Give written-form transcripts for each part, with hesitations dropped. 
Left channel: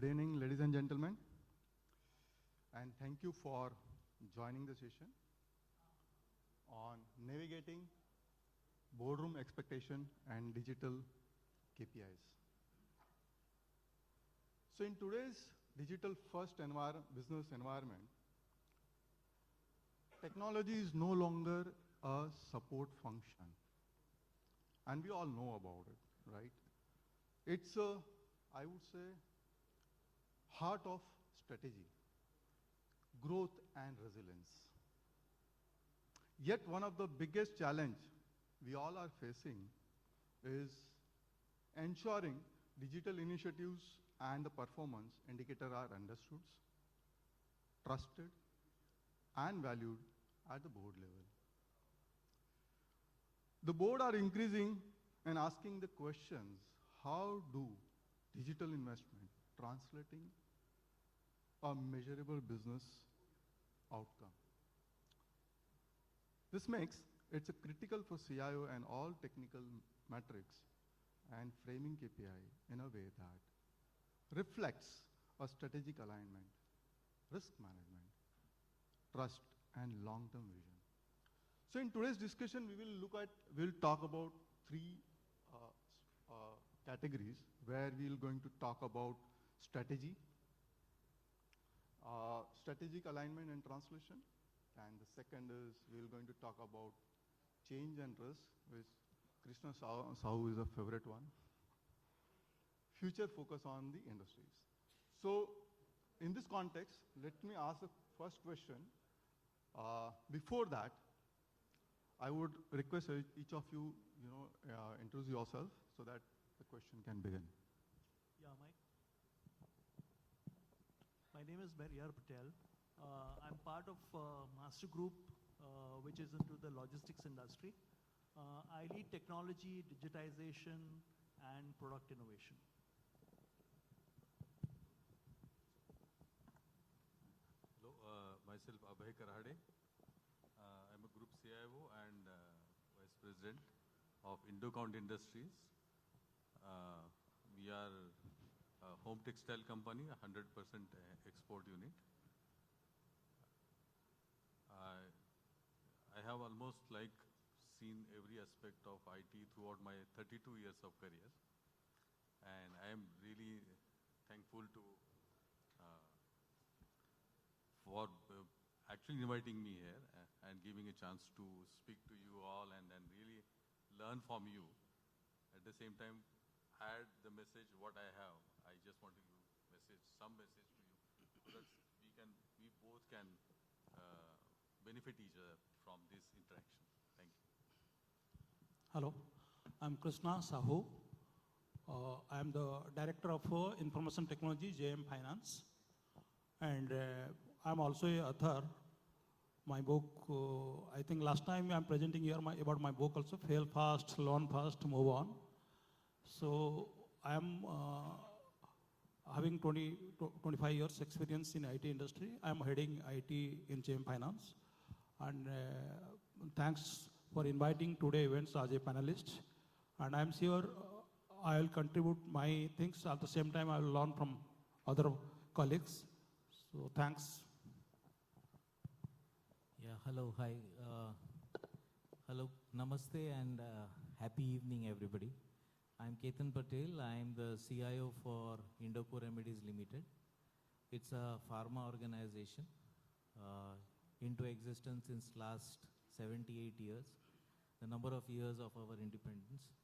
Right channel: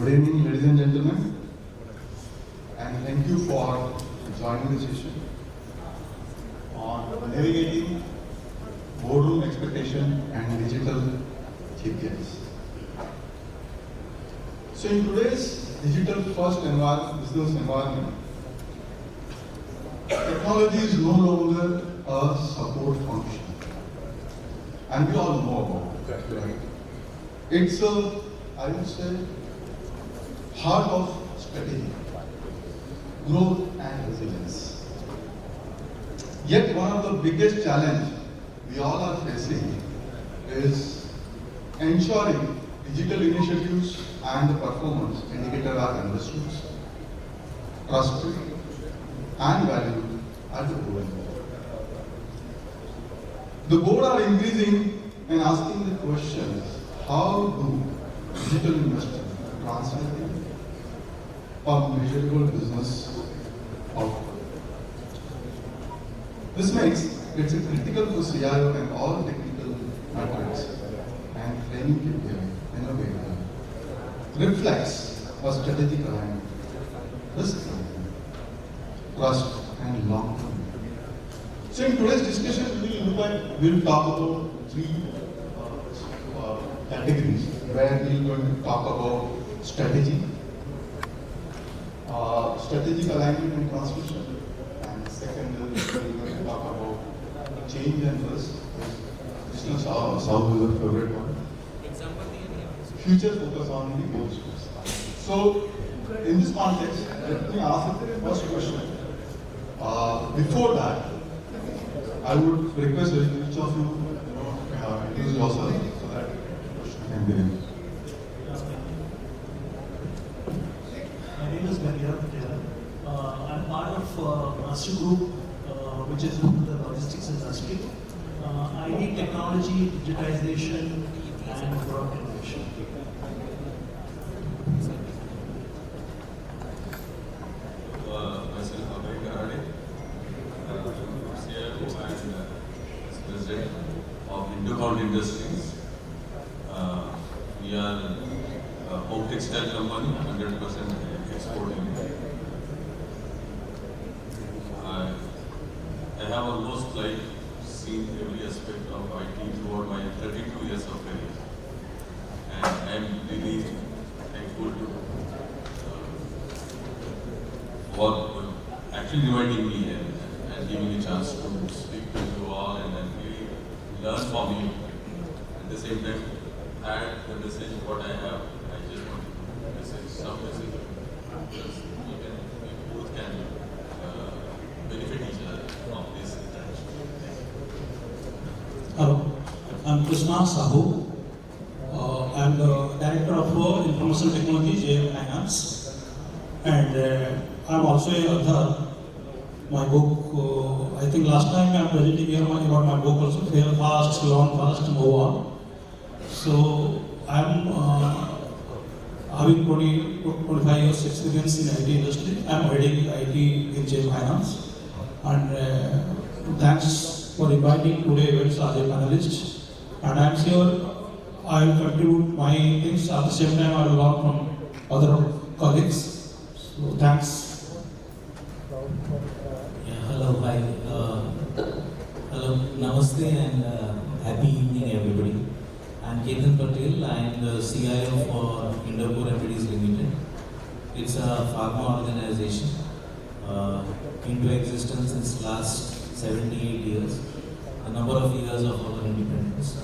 Good evening, ladies and gentlemen, and thank you for joining the session on navigating boardroom expectation and digital KPIs. So in today's digital first business environment, technology is no longer a support function. And we all know about that, right? It's I would say, heart of strategy, growth and resilience. Yet one of the biggest challenges we all are facing is ensuring digital initiatives and the performance indicator are understood, trusted and valued at the board. The board are increasing and asking the questions, how do digital investors translate a measurable business outcome? This makes it critical for CIO and all technical metrics and training KPI in a way that reflects a strategic alignment, risk alignment, trust and long-term. So in today's discussion, we'll talk about three categories where we're going to talk about strategy, strategic alignment and transmission, and second we're going to talk about change and risk. This is our favorite one. Future focus on the goals. So in this context, let me ask the first question. Before that, I would request each of you introduce yourself so that question can begin. My name is Meheriar, Patel. I'm part of Master Group, which is in the logistics industry. I lead technology, digitization, and product innovation. Myself, Abhay, Karhade, CIO and President of Indo Industries. We are a home textile company, 100% exporting. I have almost seen every aspect of IT throughout my 32 years of career, and I am really thankful to for actually inviting me here and giving me a chance to speak to you all and really learn from you. At the same time, add the message what I have. I just want to message some message because we both can benefit each other from this interaction. Hello, I'm Krishna Sahu. I'm the Director of Information Technology, JM Finance, and I'm also a author. My book, I think last time I'm presenting here about my book also, Fail Fast, Learn Fast, Move On. So I'm having 25 years experience in IT industry. I'm heading IT in JM Finance, and thanks for inviting today events as a panelist. And I'm sure I will contribute my things at the same time I will learn from other colleagues. So thanks. Yeah, hello, hi. Hello, namaste and happy evening everybody. I'm Ketan Patel. I'm the CIO for Indo Limited. It's a pharma organization into existence since last 78 years, a number of years of our independence.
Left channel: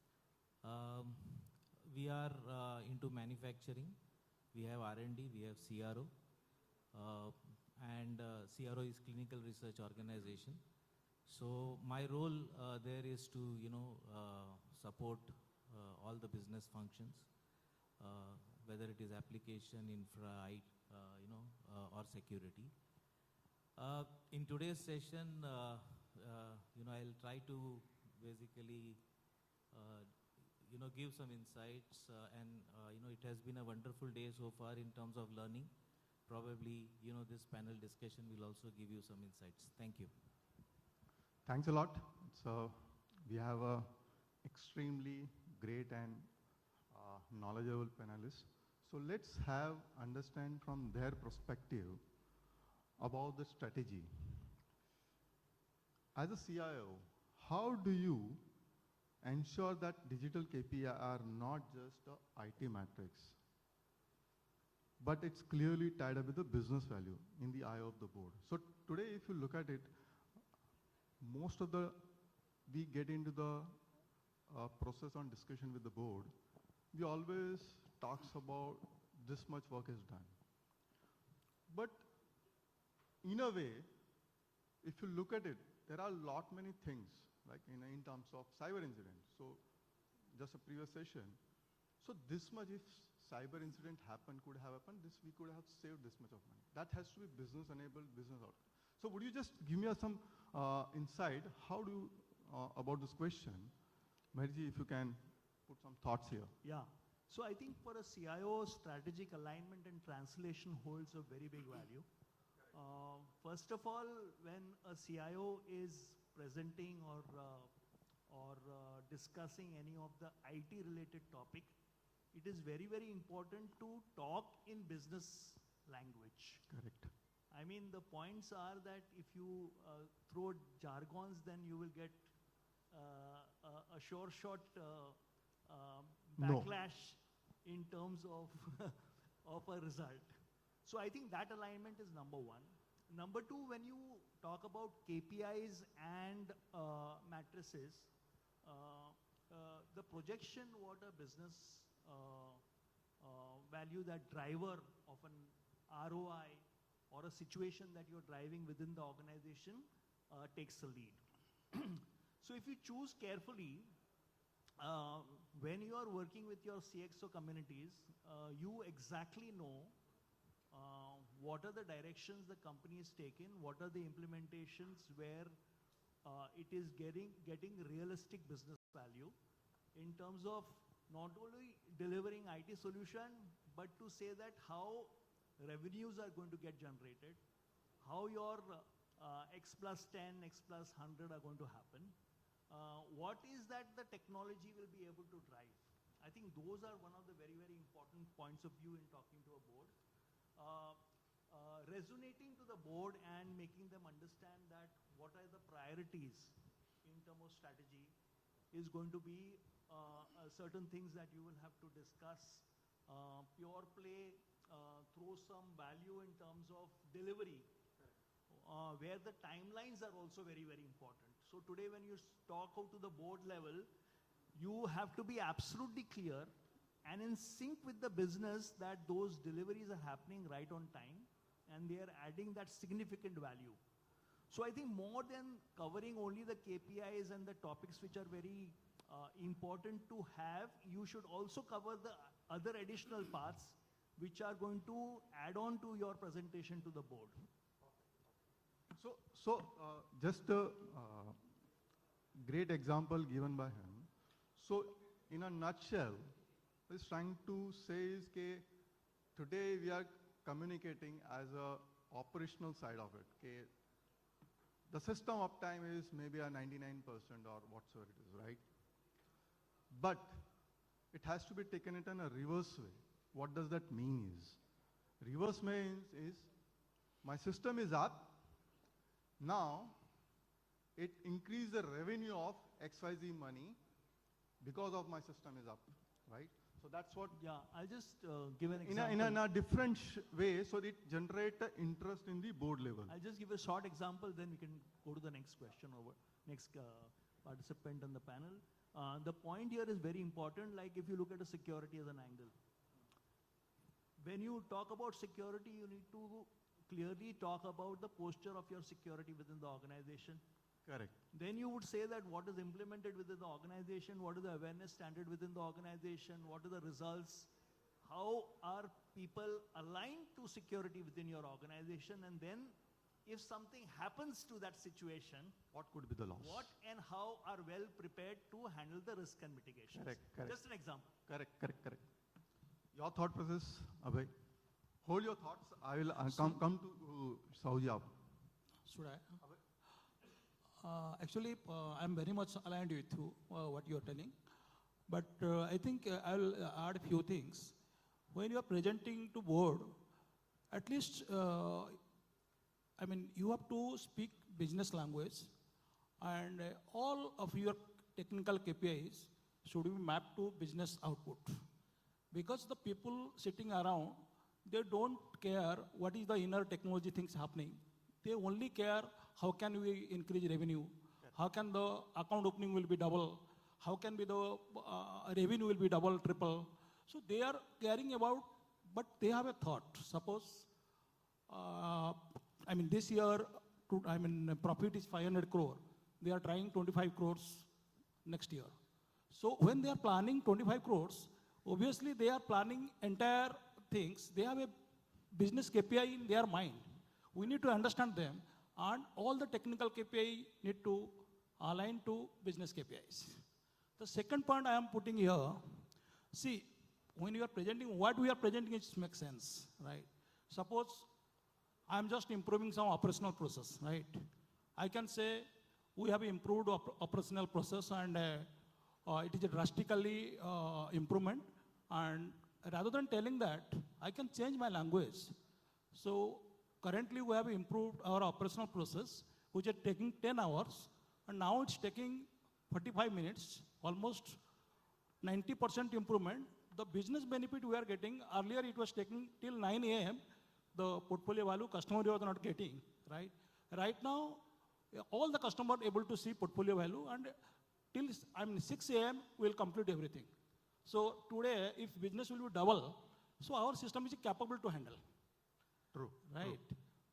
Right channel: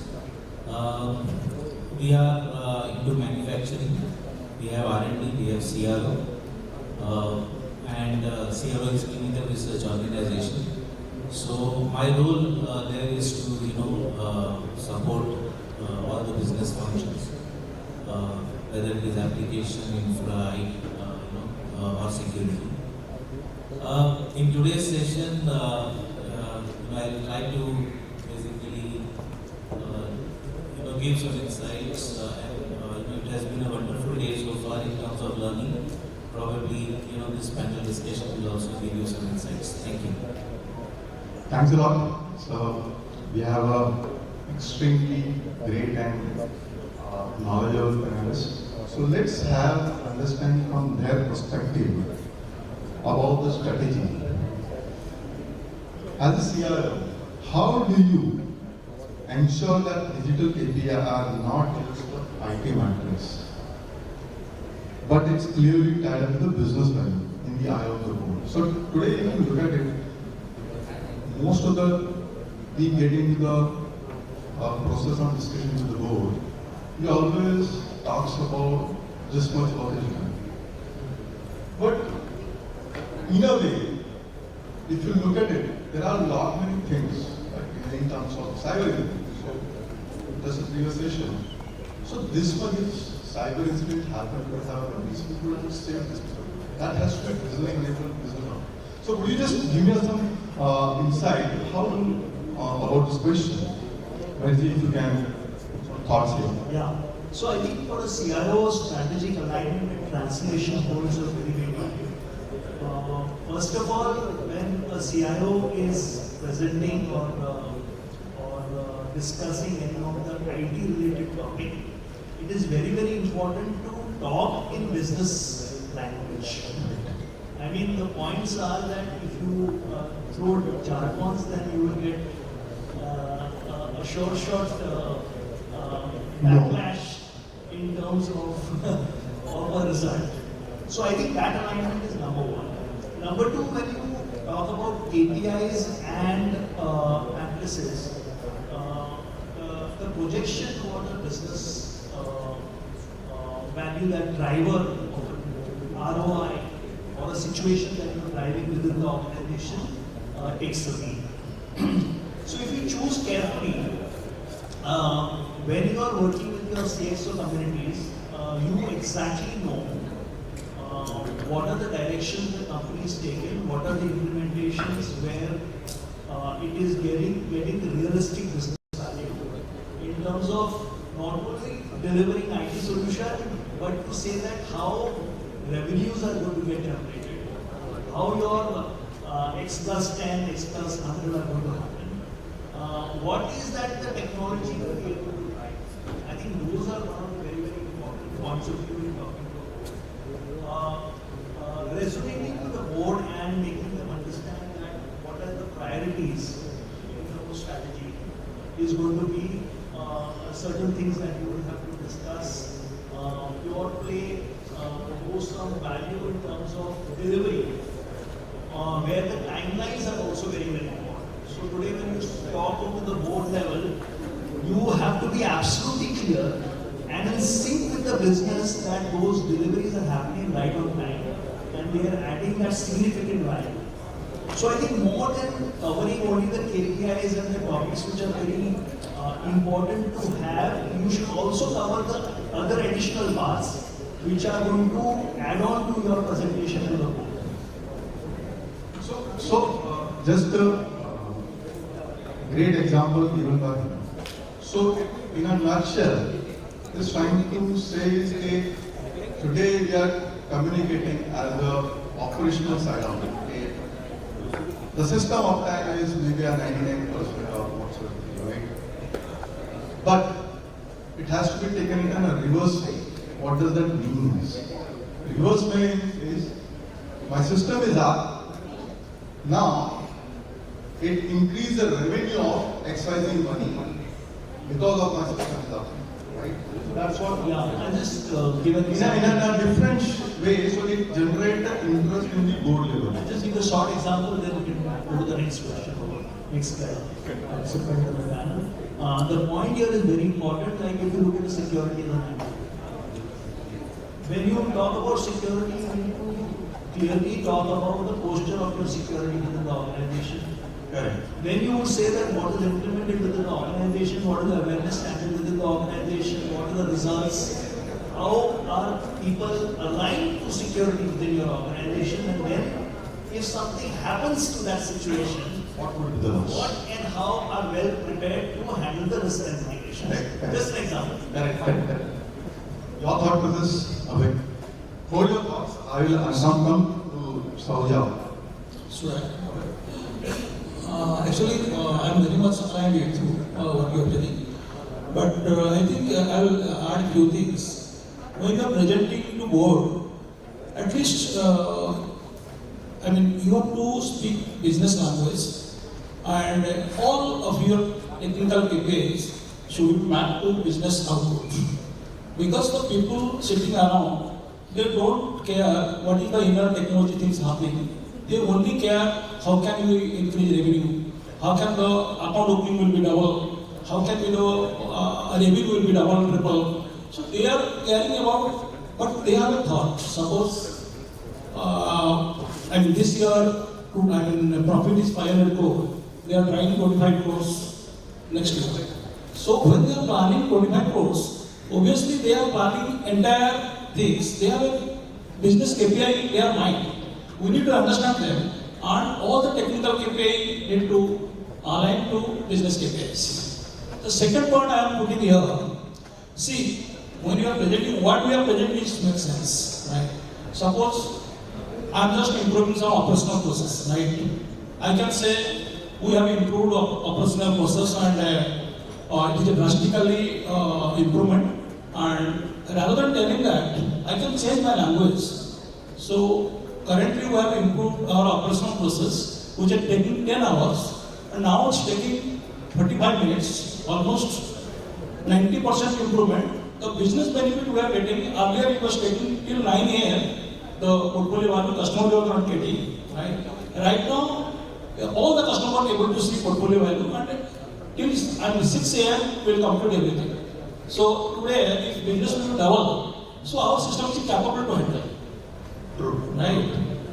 We are into manufacturing. We have R&D, we have CRO, and CRO is clinical research organization. So my role there is to support all the business functions, whether it is application, infra, or security. In today's session, I'll try to basically give some insights. It has been a wonderful day so far in terms of learning. Probably, this panel discussion will also give you some insights. Thank you. Thanks a lot. So we have a extremely great and knowledgeable panelists. So let's have understanding from their perspective about the strategy. As a CIO, how do you ensure that digital KPIs are not just IT matrix, but it's clearly tied up to the business value in the eye of the board? So today, if you look at it, most of the we get into the process of discussion with the board, we always talks about this much work is done. But in a way, if you look at it, there are a lot many things like in terms of cyber incident. So that's a previous session. So this one is cyber incident happened, but however, these people are just saying this. That has to be business enabled, business on. So could you just give me some insight how about this question? If you can thoughts here. Yeah. So I think for a CIO, strategic alignment and translation holds a very big value. First of all, when a CIO is presenting or discussing any of the IT-related topic, it is very, very important to talk in business language. I mean, the points are that if you throw jargons, then you will get a short backlash in terms of a result. So I think that alignment is number one. Number two, when you talk about KPIs and analysis, the projection for the business value, that driver of ROI or a situation that you're driving within the organization takes the lead. So if you choose carefully, when you are working with your CXO communities, you exactly know what are the directions the company is taking, what are the implementations where it is getting the realistic business value in terms of not only delivering IT solution, but to say that how revenues are going to get generated, how your X plus 10, X plus 100 are going to happen. What is that the technology will be able to drive? I think those are one of the very, very important points of view in talking to resonating to the board and making them understand that what are the priorities in terms of strategy is going to be certain things that you will have to discuss. Pure play goes some value in terms of delivery, where the timelines are also very, very important. So today when you talk to the board level, you have to be absolutely clear and in sync with the business that those deliveries are happening right on time and they are adding that significant value. So I think more than covering only the KPIs and the topics which are very important to have, you should also cover the other additional parts which are going to add on to your presentation to the board. So just a great example given by him. So in a nutshell, is trying to say is today we are communicating as the operational side of it. The system of time is maybe a 99% of whatsoever, right? But it has to be taken in a reverse way. What does that mean? Reverse way is my system is up. Now it increases the revenue of XYZ money because of my system is up. Right? That's what. Yeah, I just give an in example. a different way, so it generates the interest in the board level. I'll just give a short example, then we can go to the next question. Next slide. The point here is very important, like if you look at the security of the network. When you talk about security, you need to clearly talk about the posture of your security within the organization. Correct. Then you would say that what is implemented within the organization, what is the awareness standard within the organization, what are the results, how are people aligned to security within your organization, and then if something happens to that situation, What would be the what and how are well prepared to handle the risk and mitigations. Correct. Just an example. Correct. Your thought to this, Abhay. Hold your thoughts. I will come to Saurya. So, actually, I'm very much aligned with you, what you are telling. But I think I will add a few things. when you are presenting to board, at least, you have to speak business language, and all of your technical KPIs should be mapped to business output. Because the people sitting around, they don't care what is the inner technology things happening. They only care how can we increase revenue, how can the account opening will be double, how can revenue will be double, triple. So they are caring about what they have a thought. Suppose this year profit is 500 crore, they are trying 25 crores next year. So when they are planning 25 crores, obviously they are planning entire things. They have a business KPI in their mind. We need to understand them, and all the technical KPI need to align to business KPIs. The second point I am putting here, see, when you are presenting, what we are presenting makes sense, right? Suppose I am just improving some operational process, right? I can say we have improved operational process and it is a drastically improvement. And rather than telling that, I can change my language. So currently we have improved our operational process, which is taking 10 hours, and now it's taking 35 minutes, almost 90% improvement. The business benefit we are getting, earlier it was taking till 9 a.m. the portfolio value, customer level not getting, right? Right now, all the customers are able to see portfolio value, and till 6 a.m. we will complete everything. So today, if business will double, so our system is capable to handle. True. Right?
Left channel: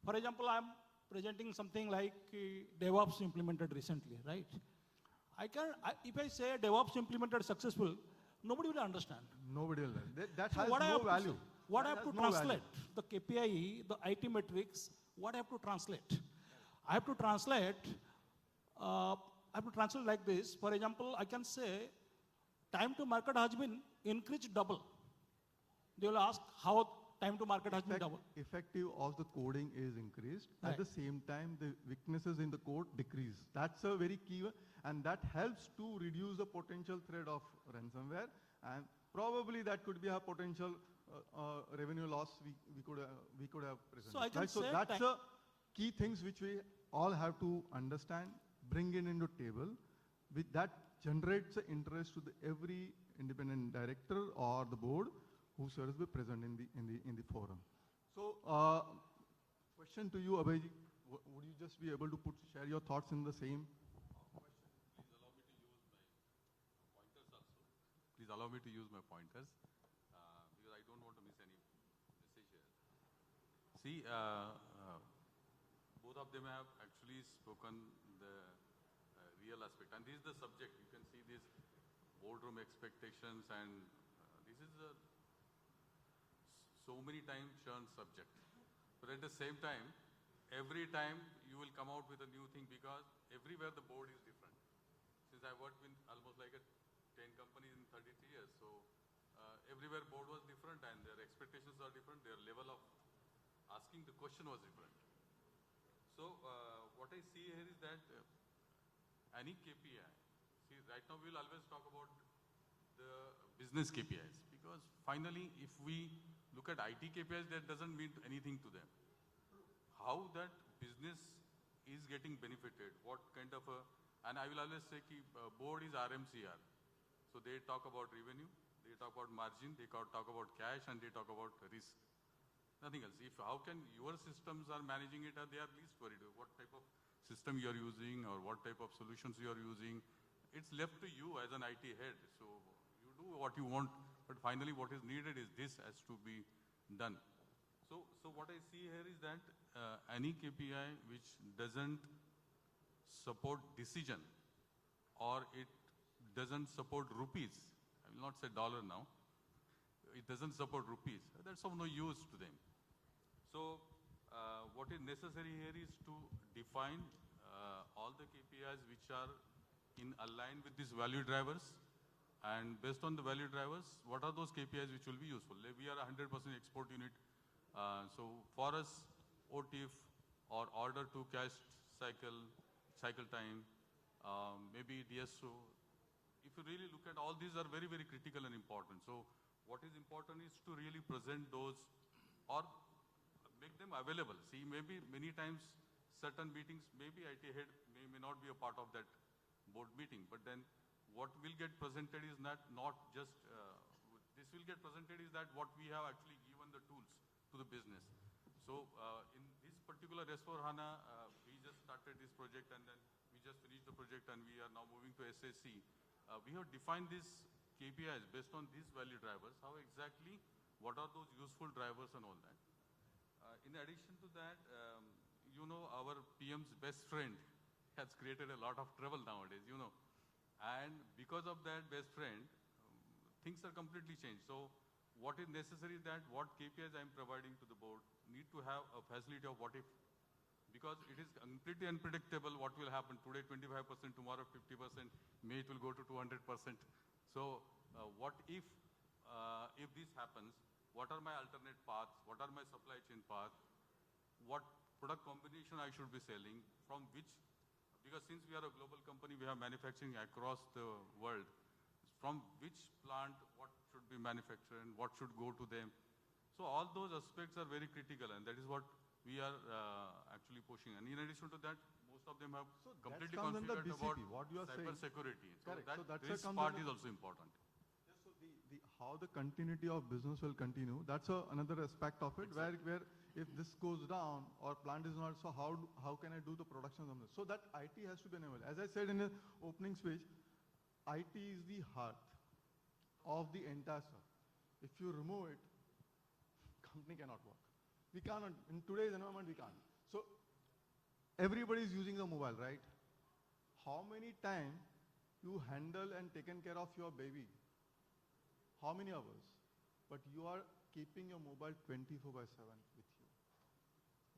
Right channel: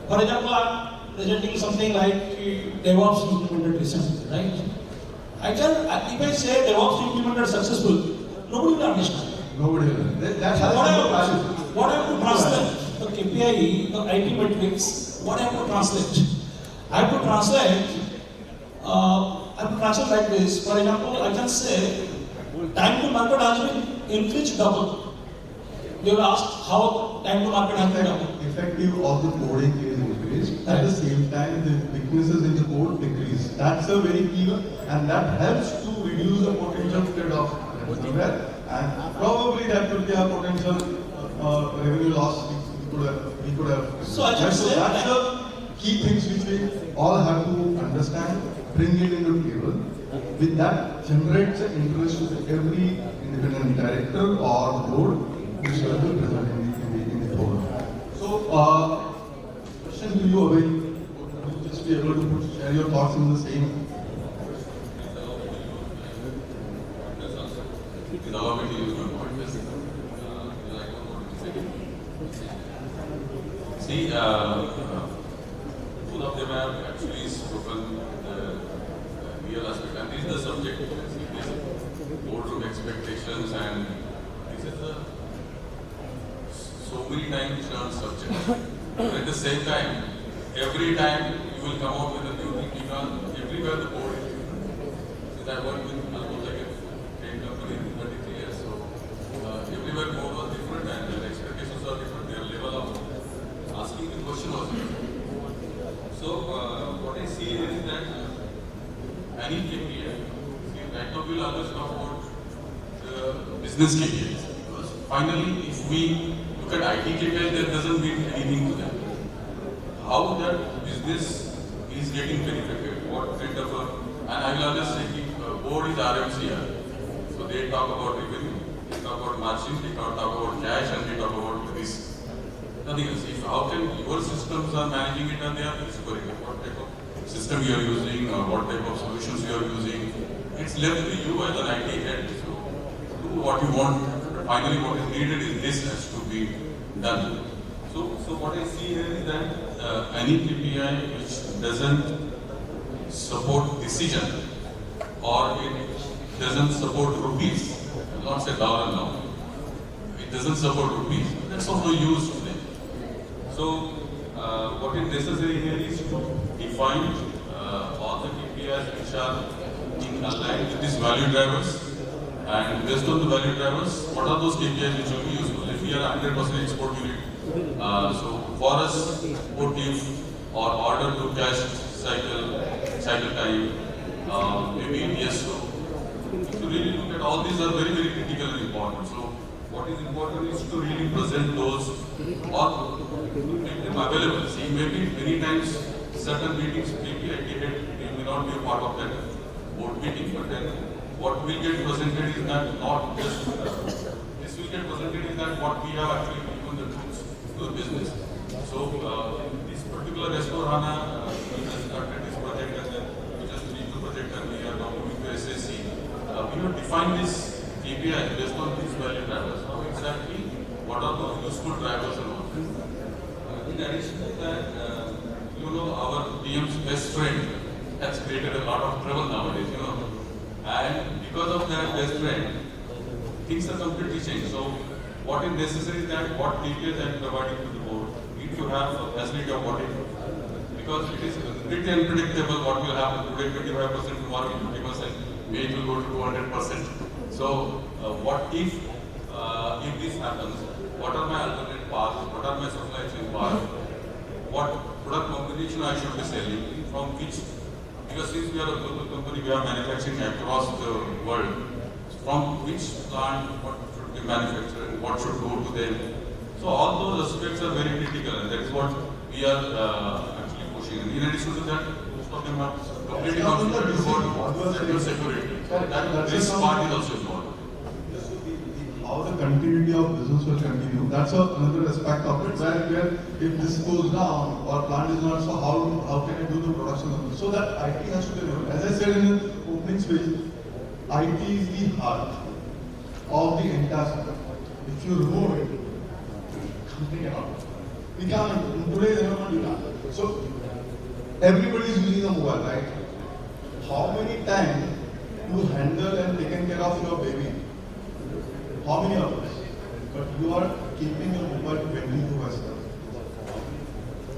For example, I am presenting something like DevOps implemented recently, right? If I say DevOps implemented successful, nobody will understand. Nobody will. That's What I have to translate, the KPI, the IT metrics, what I have to translate? I have to translate like this. For example, I can say, time to market has been increased double. You will ask how time to market has been double. Effective of the coding is increased. At the same time, the weaknesses in the code decrease. That's a very key one, and that helps to reduce the potential threat of ransomware. And probably that could be a potential revenue loss we could have. So I just so said that's the key things which we all have to understand, bring it into the table. With that, generates the interest of every independent director or board which will be present in the forum. So, question to you, Abhay. Would you just be able to share your thoughts in the same? Allow me to use my point. See, both of them have actually spoken the real aspect, and this is the subject. This is boardroom expectations, and this is the so many times learned subject. But at the same time, every time you will come out with a new thing because everywhere the board is. Because I worked with almost like a 10 company in 33 years, so everywhere board was different and their expectations are different, their level of asking the question was different. So what I see is that any KPI, right now we will always talk about the business KPIs. Because finally, if we look at IT KPIs, that doesn't mean anything to them. How that business is getting benefited, what kind of and I will always say board is RMCR. So they talk about revenue, they talk about margin, they talk about cash, and they talk about risk. Nothing else. If how can your systems are managing it and they are scoring it, what type of system you are using or what type of solutions you are using, it's left to you as an IT head. So do what you want, but finally what is needed is this has to be done. So what I see here is that any KPI which doesn't support decision or it doesn't support rupees, I will not say dollar now, it doesn't support rupees, that's of no use to them. So what is necessary here is to define all the KPIs which are in aligned with these value drivers, and based on the value drivers, what are those KPIs which will be useful? If we are 100% export unit, so for us, motive or order to cash cycle time, maybe DSO. If you really look at all these are very, very critical and important. So what what is important is to really present those or make them available. See, maybe many times certain meetings, maybe I get it, may not be a part of that board meeting, but then what will get presented is that not just this will get presented is that what we have actually given the tools to the business. So this particular S4HANA, we just started this project and then we just finished the project and we are now moving to SSC. We have defined this KPI based on these value drivers. How exactly, what are those useful drivers and all? In addition to that, our PM's best friend has created a lot of trouble nowadays, And because of that best friend, things are completely changed. So what is necessary is that what details I am providing to the board need to have a facility of audit. Because it is pretty unpredictable what will happen today, 25%, tomorrow 50%, maybe it will go to 200%. So what if this happens, what are my alternate paths, what are my supply chain paths, what product combination I should be selling, from which, because since we are a global company, we are manufacturing across the world, from which plant what should be manufactured, what should go to them. So all those aspects are very critical and that is what we are actually pushing. And in addition to that, most of them are completely concentrated about cyber security. That this part is also involved. How the continuity of business will continue, that's another aspect of it, where if this goes down or plant is not, so how can I do the production of this? So that IT has to be available. As I said in the opening speech, IT is the heart of the entire system. If you remove it, company cannot. We can't, in today's environment, you can't. So everybody is using a mobile, right? How many times you handle and taken care of your baby? How many of us? But you are keeping your mobile 24/7.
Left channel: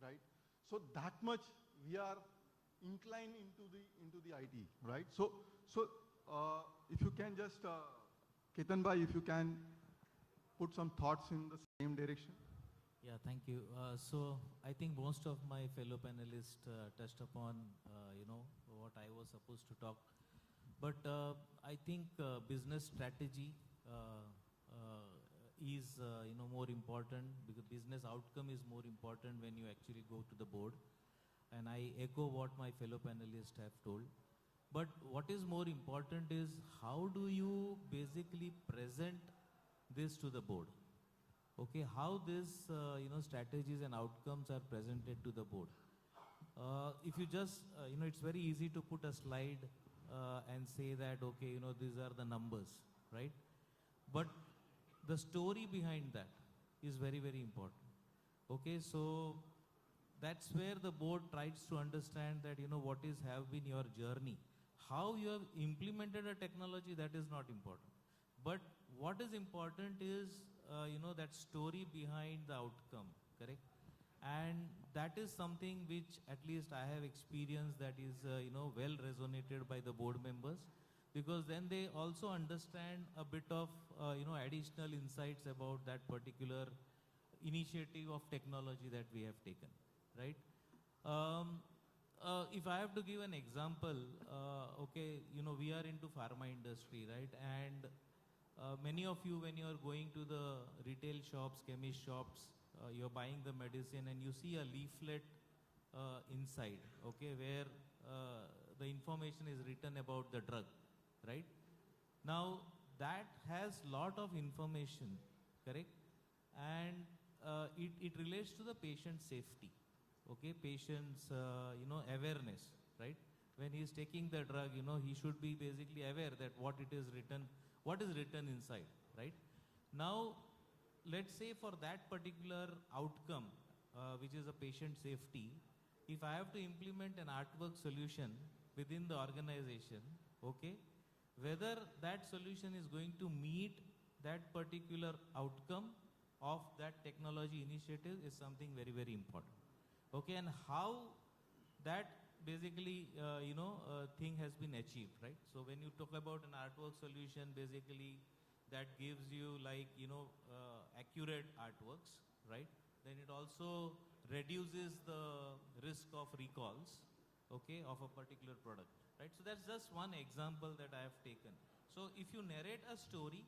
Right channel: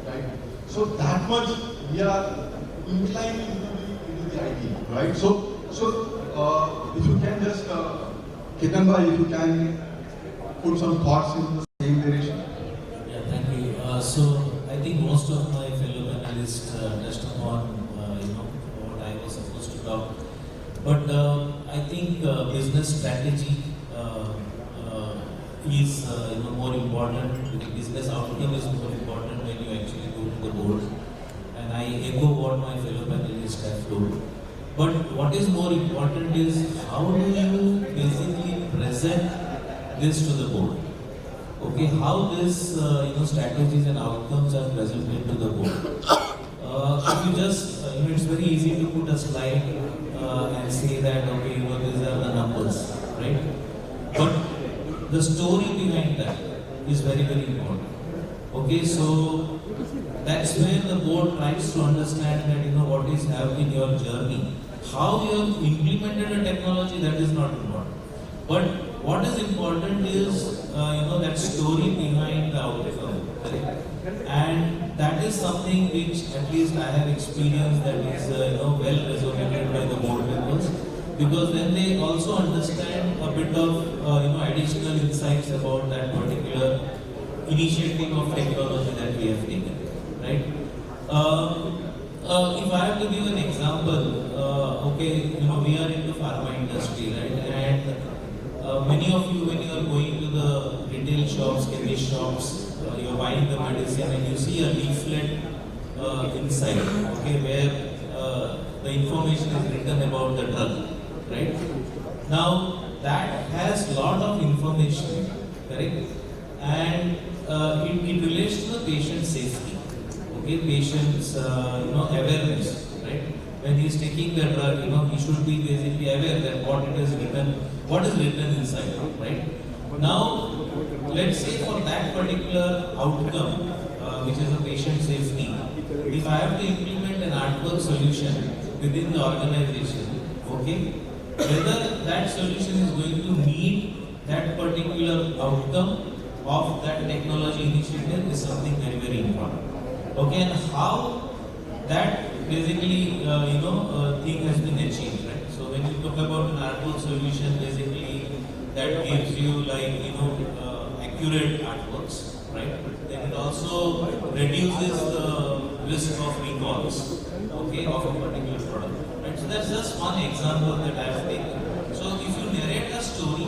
Right? So that much we are inclined into the IT, right? So if you can just, Ketan bhai, if you can put some thoughts in the same direction. Yeah, thank you. So I think most of my fellow panelists touched upon what I was supposed to talk. But I think business strategy is more important. The business outcome is more important when you actually go to the board. And I echo what my fellow panelists have told. But what is more important is how do you basically present this to the board? Okay, how this strategies and outcomes are presented to the board. If you just it's very easy to put a slide and say that okay, these are the numbers, right? But the story behind that is very, very important. Okay, so that's where the board tries to understand that what is happening in your journey. How you have implemented a technology, that is not important. But what is important is that story behind the outcome, correct? And that is something which at least I have experienced that is well resonated by the board members, because then they also understand a bit of additional insights about that particular initiative of technology that we have taken, right? If I have to give an example, we are in the pharma industry, right? And many of you, when you are going to the retail shops, chemist shops, you are buying the medicine and you see a leaflet inside, okay, where the information is written about the drug, right? Now that has lot of information, correct? And it relates to the patient safety, okay, patient's awareness, right? When he is taking the drug, he should be basically aware that what is written inside, right? Now, let's say for that particular outcome, which is a patient safety, if I have to implement an artwork solution within the organization, okay, whether that solution is going to meet that particular outcome of that technology initiative is something very, very important. Okay, and how that basically, thing has been achieved, right? So when you talk about an artwork solution, basically that gives you accurate artworks, right? Then it also reduces the risk of recalls, okay, of a particular product. Right? So that's just one example that I have taken. So if you narrate a story,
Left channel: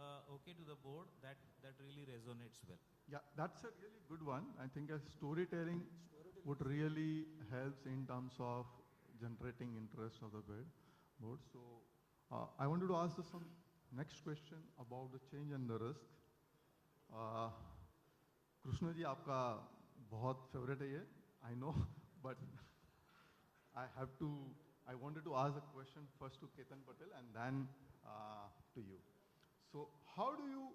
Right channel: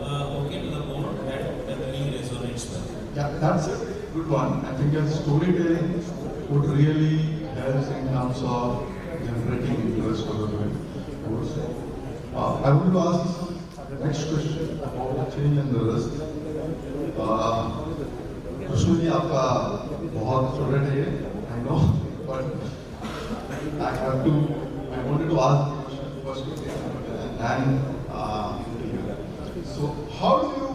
to the board, that Yeah, that's a good one. I think storytelling would really help in terms of generating interest for the course. I want to ask the next question about the change in the risk. Krishna ji आपका बहुत favourite है, I know, but I wanted to ask the question first, and so how do you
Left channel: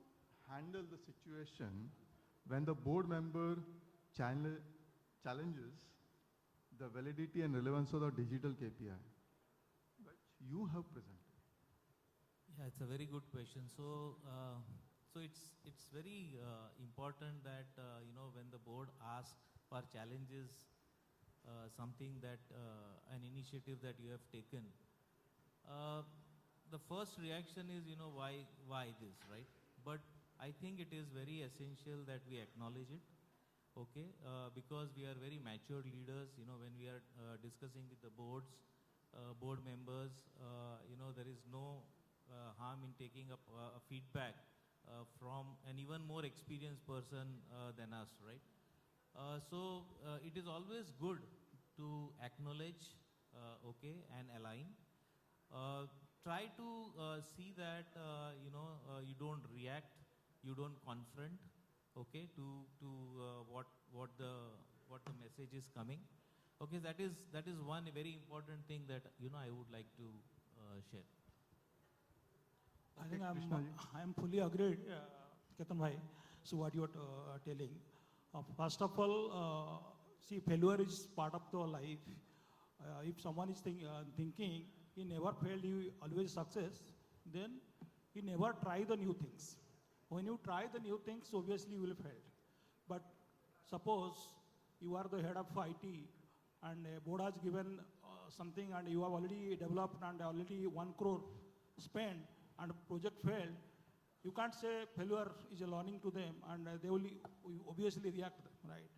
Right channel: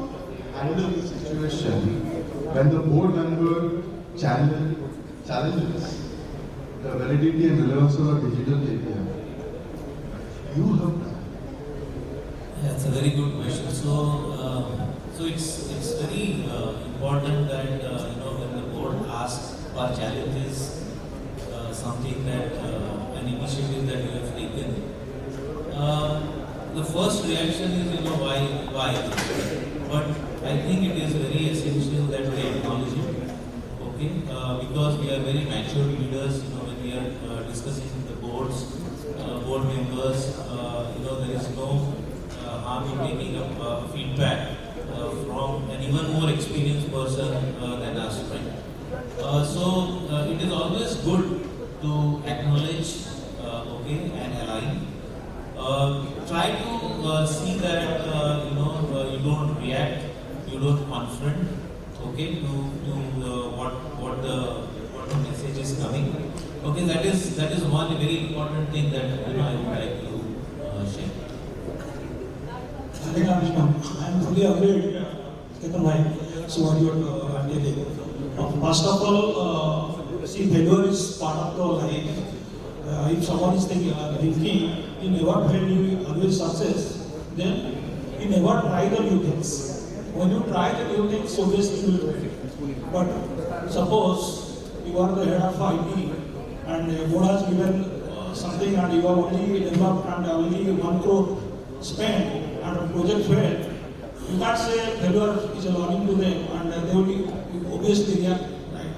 handle the situation when the board member challenges the validity and relevance of a digital KPI? You have that. That's a very good question. So it's very important that when the board asks or challenges something that an initiative that you have taken, the first reaction is why. But I think it is very essential that we acknowledge it, okay? Because we are very mature leaders. When we are discussing the board members, there is no harm in taking up feedback from an even more experienced person than us, right? So it is always good to acknowledge, okay, and align. Try to see that you don't react, you don't confront, okay, to what the message is coming. Okay, that is one very important thing that I would like to share. I think I'm fully agreed, Ketan. So what you are telling. First of all, see, failure is part of the life. If someone is thinking you never fail, you always success, then you never try the new things. When you try the new things, obviously you will fail. But suppose you are the head of IT and the board has given something and you have only developed and only 1 crore spent and a project failed, you can't say failure is a learning to them and they will obviously react, right?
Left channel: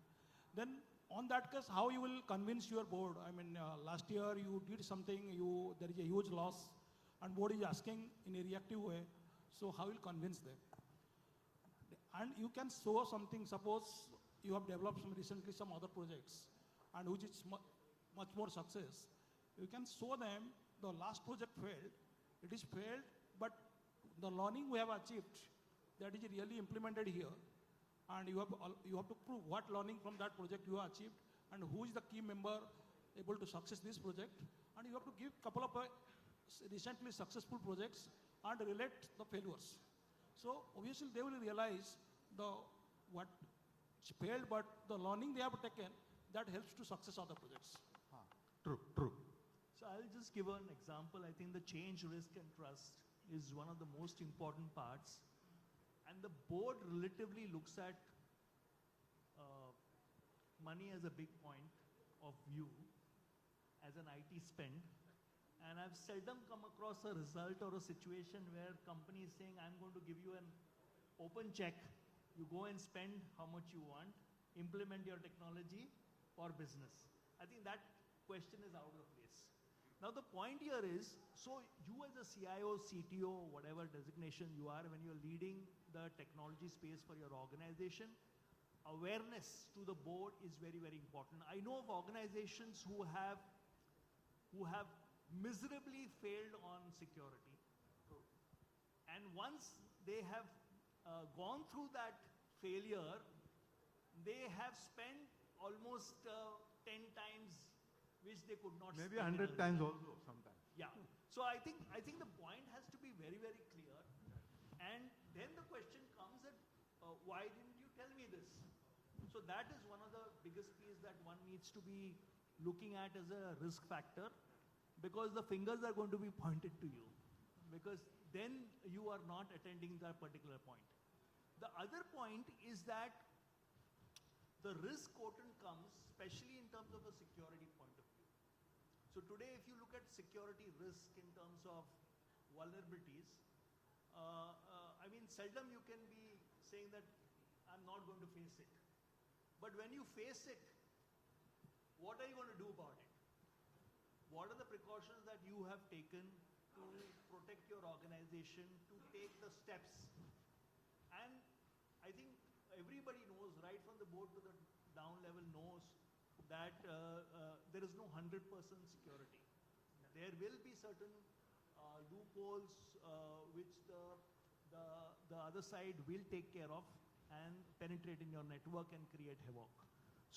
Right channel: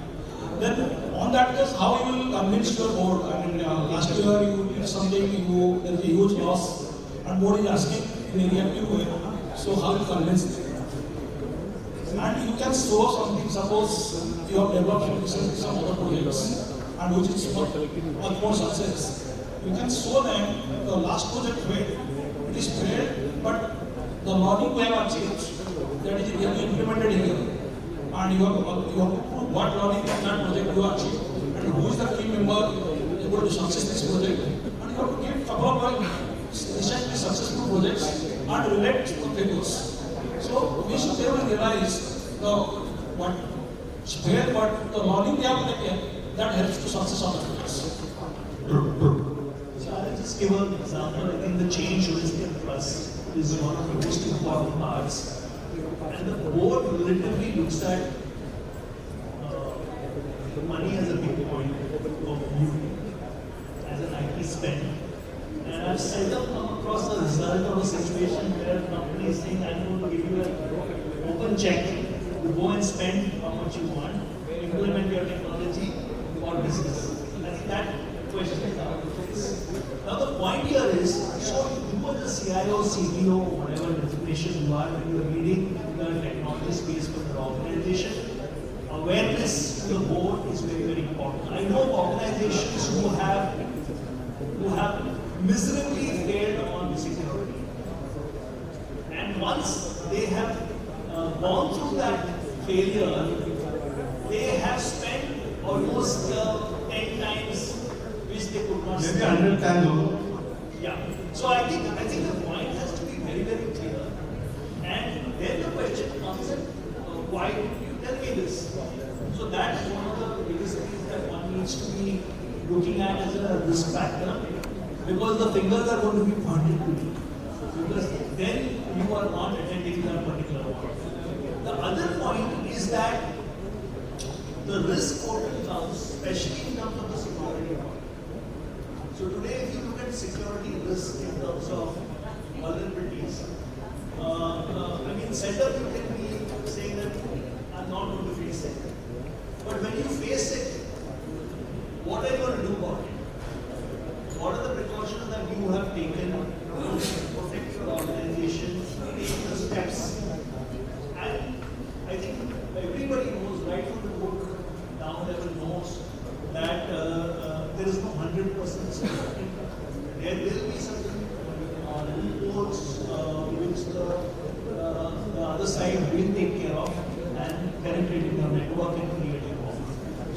Then on that case, how you will convince your board? I mean, last year you did something, there is a huge loss and board is asking in a reactive way. So how you convince them? And you can show something, suppose you have developed some other projects and which is much more success. You can show them the last project failed. It is failed, but the learning we have achieved, that is really implemented here. And you have to prove what learning from that project you achieved and who is the team member able to success this project. And you have to give a couple of recently successful projects and relate to figures. So we should be able to realize what is fair, but the learning we have taken that helps to success on the projects. So I'll just give an example. I think the change risk and trust is one of the most important parts. And the board relatively looks at money as a big point of view, as an IT spend. And I've seldom come across a result of a situation where a company is saying, I'm going to give you an open check, you go and spend how much you want, implement your technology or business. I think that question is out of place. Now the point here is, so you are the CIO, CTO, whatever designation you are, when you are leading the technology space for the organization, awareness to the board is very, very important. I know organizations who have miserably failed on security. And once they have gone through that failure, they have spent almost 10 times which they could not Maybe spend. 100 times over. Yeah. So I think the point has to be very, very clear. And then the question comes in, why did you tell me this? So that is one of the biggest things that one needs to be looking at as a risk factor, because the fingers are going to be pointed to you. Because then you are not attending that particular point. The other point is that the risk portal comes, especially in terms of the security part. So today, if you look at security risk in terms of vulnerabilities, setup you can be saying that I'm not going to face it. But when you face it, what are you going to do about it? What are the precautions that you have taken to protect your organization, take the steps? And I think everybody knows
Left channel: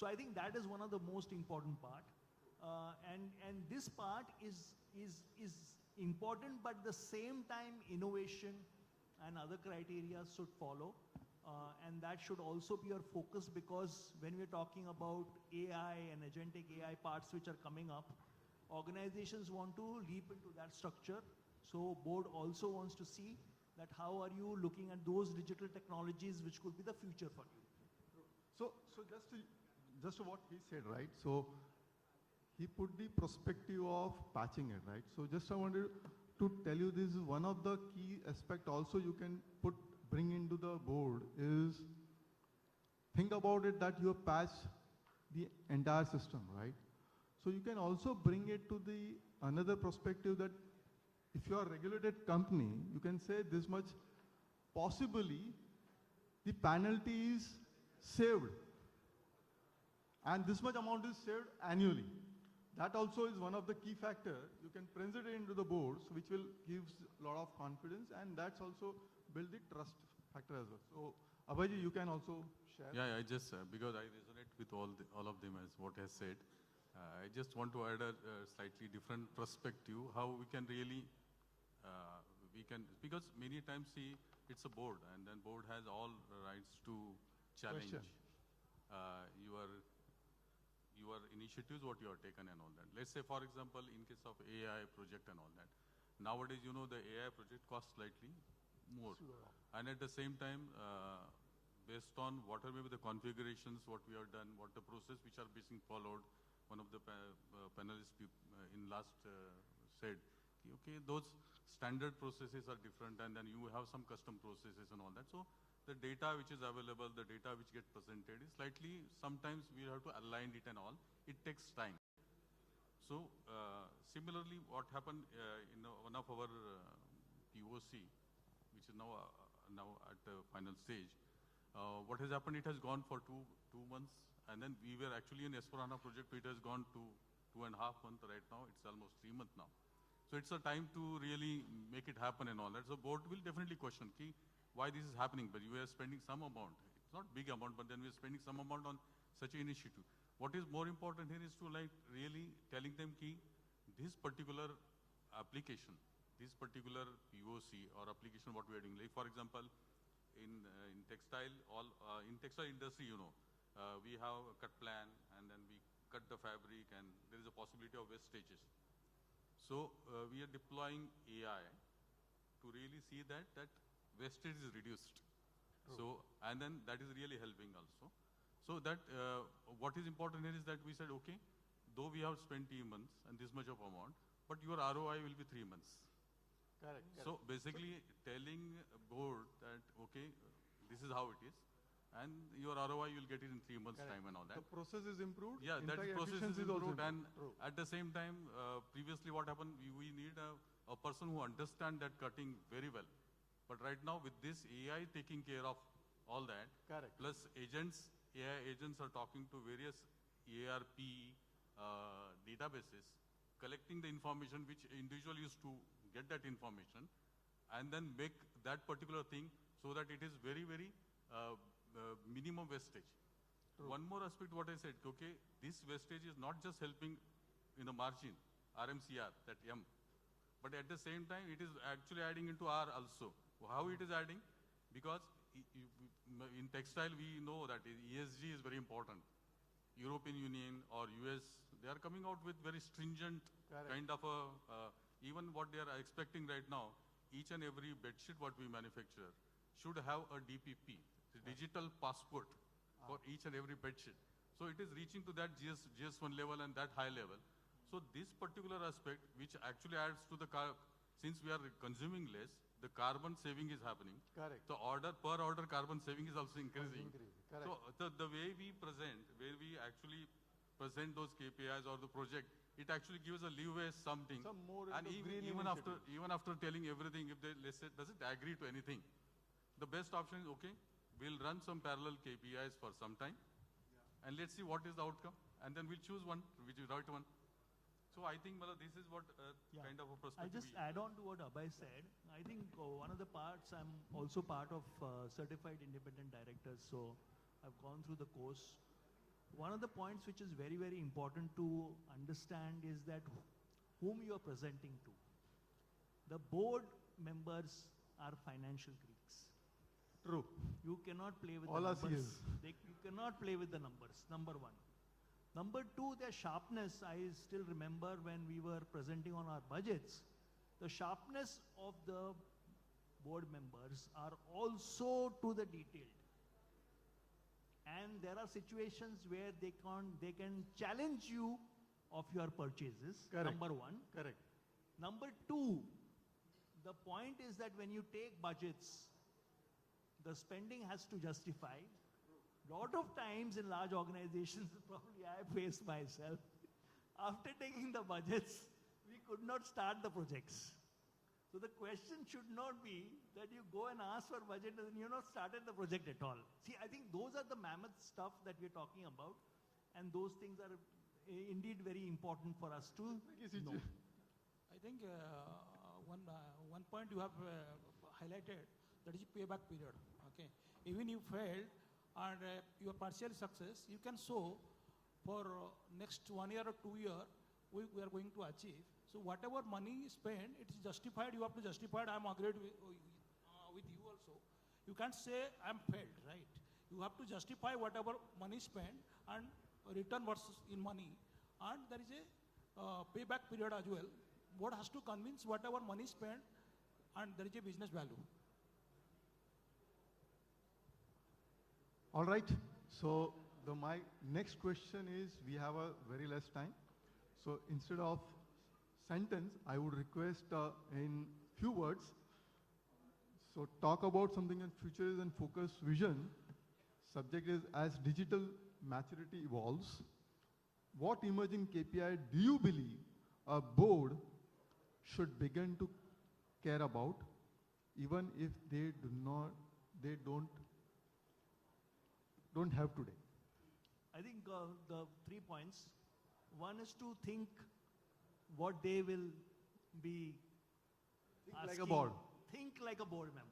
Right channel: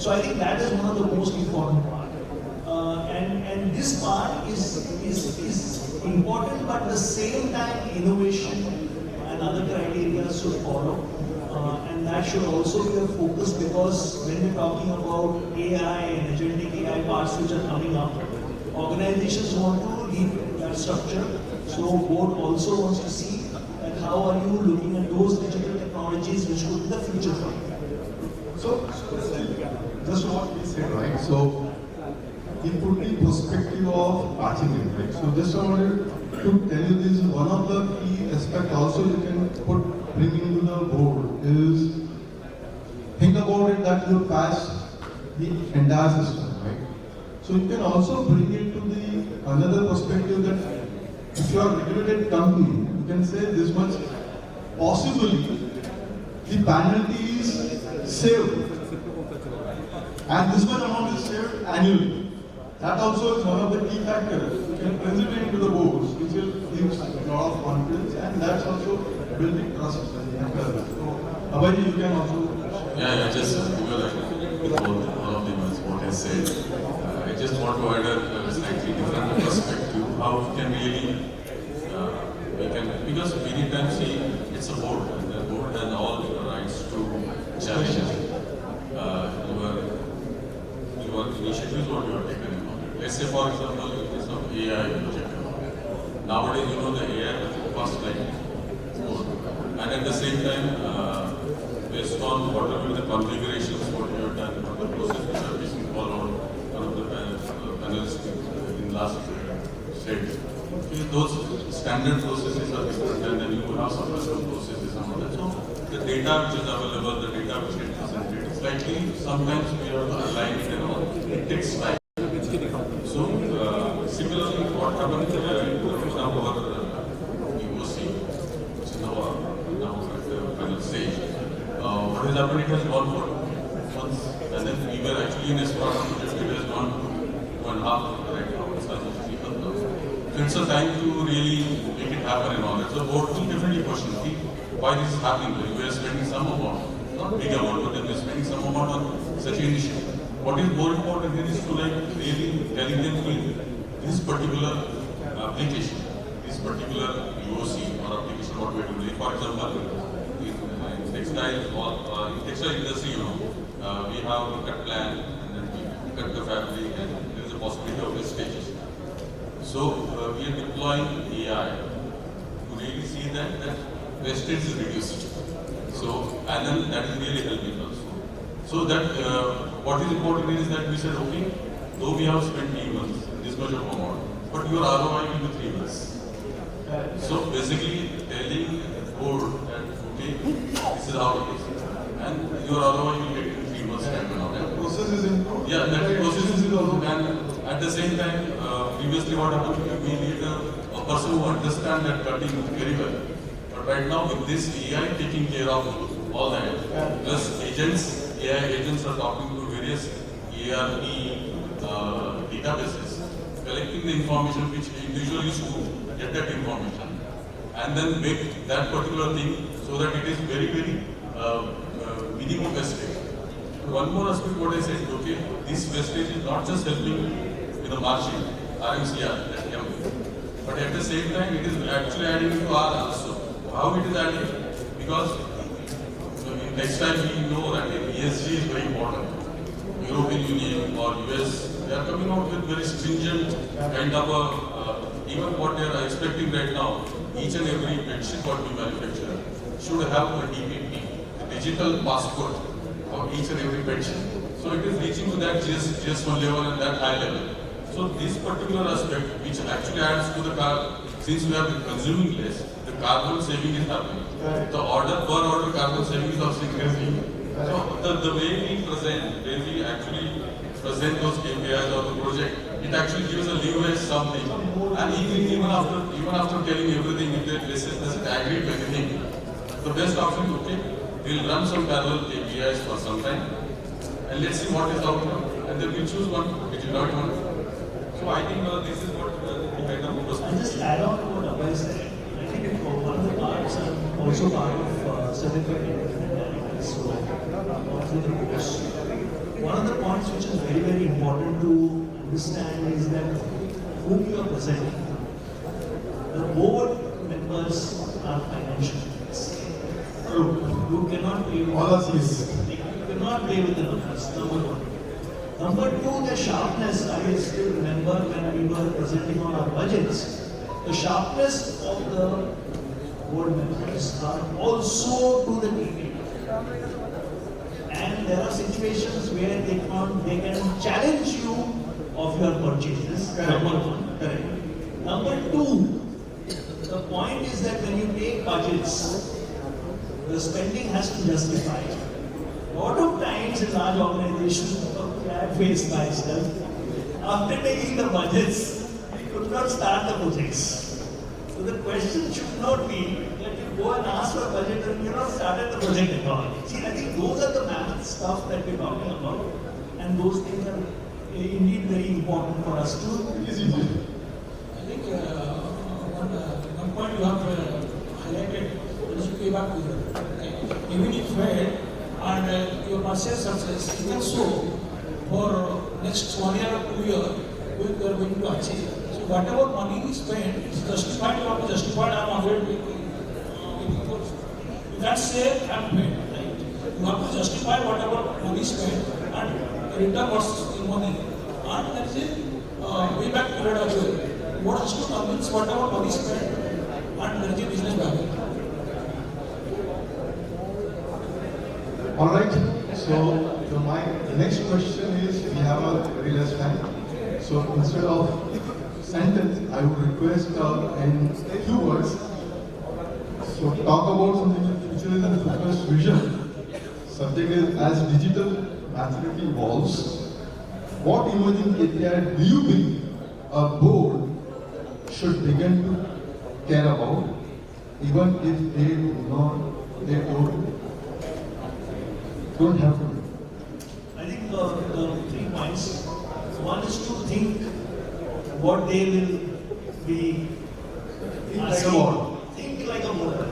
So I think that is one of the most important part. And this part is important, but at the same time, innovation and other criteria should follow. And that should also be a focus, because when we're talking about AI and agentic AI parts which are coming up, organizations want to lead that structure. So board also wants to see that how are you looking at those digital technologies which could be the future for you. So, just what we said, right? So, it put the perspective of achievement, right? So, just I wanted to tell you this, one of the key aspects also you can bring into the board is, think about it that you pass the entire system, right? So, you can also bring it to the another perspective that if you are a regulated company, you can say this much, possibly the penalty is saved, and this much amount is saved annually. That also is one of the key factors. You can present it into the boards, which will give a lot of confidence, and that's also building trust. So, Abhay, you can also. Yeah, just because all of them is what I said. I just want to add a slightly different perspective. How we can really, because many times see it's a board, and the board has all the rights to challenge your initiatives what you are taken. Let's say, for example, in case of AI project. Nowadays, the AI costs like more. And at the same time, based on whatever the configurations, what you have done, what the process which are being followed, one of the panelists in last said, those standard processes are different, and then you have some custom processes and all that. So the data which is available, the data which is presented, slightly sometimes we have to align it and all. It takes time. So similarly, what happened in our EOC, which is now at the final stage, what has happened, it has gone for 2 months, and then we were actually in a spot which it has gone 2.5 right now, it's almost 3 months now. So it's a time to really make it happen and all that. So board will definitely question why this is happening. We are spending some amount, not big amount, but then we are spending some amount on such an initiative. What is more important is to really telling them this particular application, this particular UOC or application what we are doing. For example, in textile industry, we have a cut plan, and then we cut the fabric, and there is a possibility of wastages. So we are deploying AI to really see that wastage is reduced. So, and then that is really helping also. So that what is important is that we said, okay, though we have spent 3 months, this much of amount, but your ROI will be 3 months. So basically telling the board that, okay, this is how it is, and your ROI will get in 3 months time and all that. Process is improved. Yeah, that process is improved, and at the same time, previously what happened, we need a person who understands that cutting very well. But right now with this AI taking care of all that, plus agents, AI agents are talking to various ERP databases, collecting the information which individual used to get that information, and then make that particular thing so that it is very, very minimum wastage. One more aspect what I said, okay, this wastage is not just helping with the margin, RMCR, that can be, but at the same time it is actually adding to R also. How it is adding? Because in textile we know that ESG is very important. European Union or US, they are coming out with very stringent kind of even what they are expecting right now, each and every bedsheet what we manufacture should have a DPP, a digital passport for each and every bedsheet. So it is reaching to that GS1 level and that high level. So this particular aspect, which actually adds to the since we are consuming less, the carbon saving is happening. The per order carbon saving is also increasing. So the way we present, when we actually present those KPIs or the project, it actually gives a leverage something. And even after telling everything, if they doesn't agree to anything, the best option is okay, we'll run some parallel KPIs for some time, and let's see what is the outcome, and then we'll choose one which is not one. So I think this is what the kind of I'll just add on to what Abhay said. I think one of the parts are also part of certificate independent so all through the course. One of the points which is very, very important to understand is that whom you are presenting. The board members are financial leaders. You cannot play with All of this. You cannot play with the numbers, number one. Number two, the sharpness, I still remember when we were presenting on our budgets, the sharpness of the board members are also to the KPI. And there are situations where they can challenge you of your purchases. Number one. Correct. Number two, the point is that when you take budgets, the spending has to justify. A lot of times in large organizations, I have faced myself, after taking the budgets, we could not start the projects. So the question should not be that you go and ask for a budget and you not started the project at all. See, I think those are the math stuff that we're talking about, and those things are indeed very important for us to. I think one point you have highlighted is to pay back to you. Even if failed and your partial success, you can show for next 1 year or 2 years what you are going to achieve. So whatever money is spent, it's justified or not justified. I'm already you can't say I'm paid. Right? You have to justify whatever money spent and return what's in money. And that's it. Way back period as well. What has to convince whatever money spent and there is a business value. All right. So my next question is, we have a very less time. So instead of sentence, I would request in few words. So talk about something in futurism focused vision. Subject is as digital maturity evolves. What emerging KPI do you think a board should begin to care about, even if they don't have to? I think the 3 points. One is to think what they will be asking. Think like a board member.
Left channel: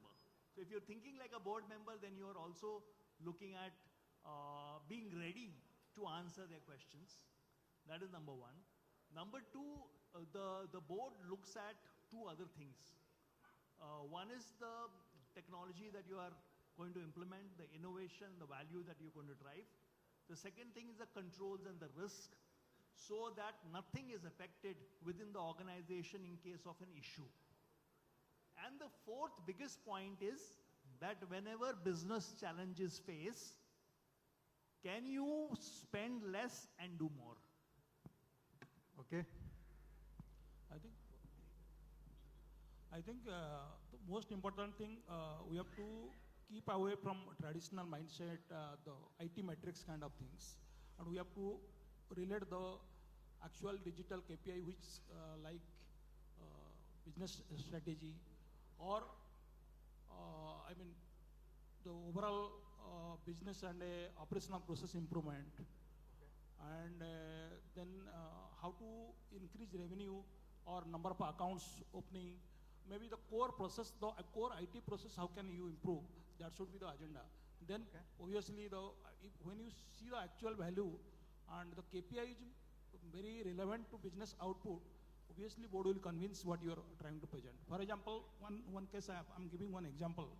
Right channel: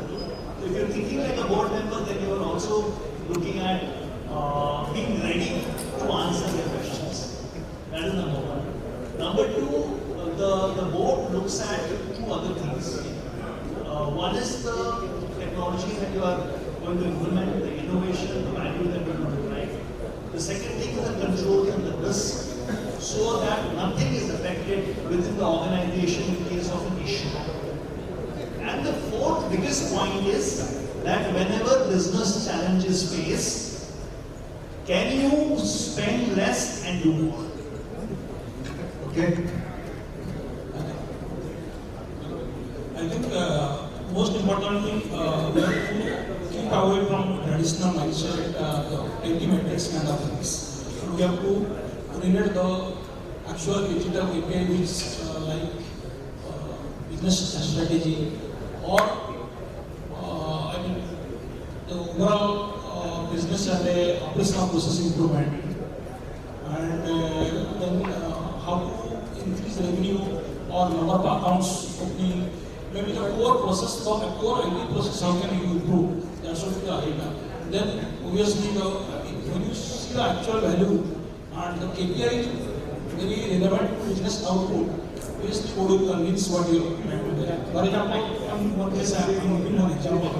If you're thinking like a board member, then you are also looking at being ready to answer their questions. That is number one. Number two, the board looks at 2 other things. One is the technology that you are going to implement, the innovation, the value that you are going to drive. The second thing is the control and the risk, so that nothing is affected within the organization in case of an issue. And the fourth biggest point is that whenever business challenges face, can you spend less and do more? Okay. I think most important thing we have to keep away from traditional mindset, the metrics kind of things. We have to relate the actual digital KPI which like business strategy or I mean the overall business and the operational process improvement, and then how to increase revenue or number of accounts opening. Maybe the core process, the core IT process, how can you improve? That should be the idea. Then obviously when you see the actual value and the KPI is very relevant to business output, obviously how do you convince what you are trying to do? For example, one case I am giving one example.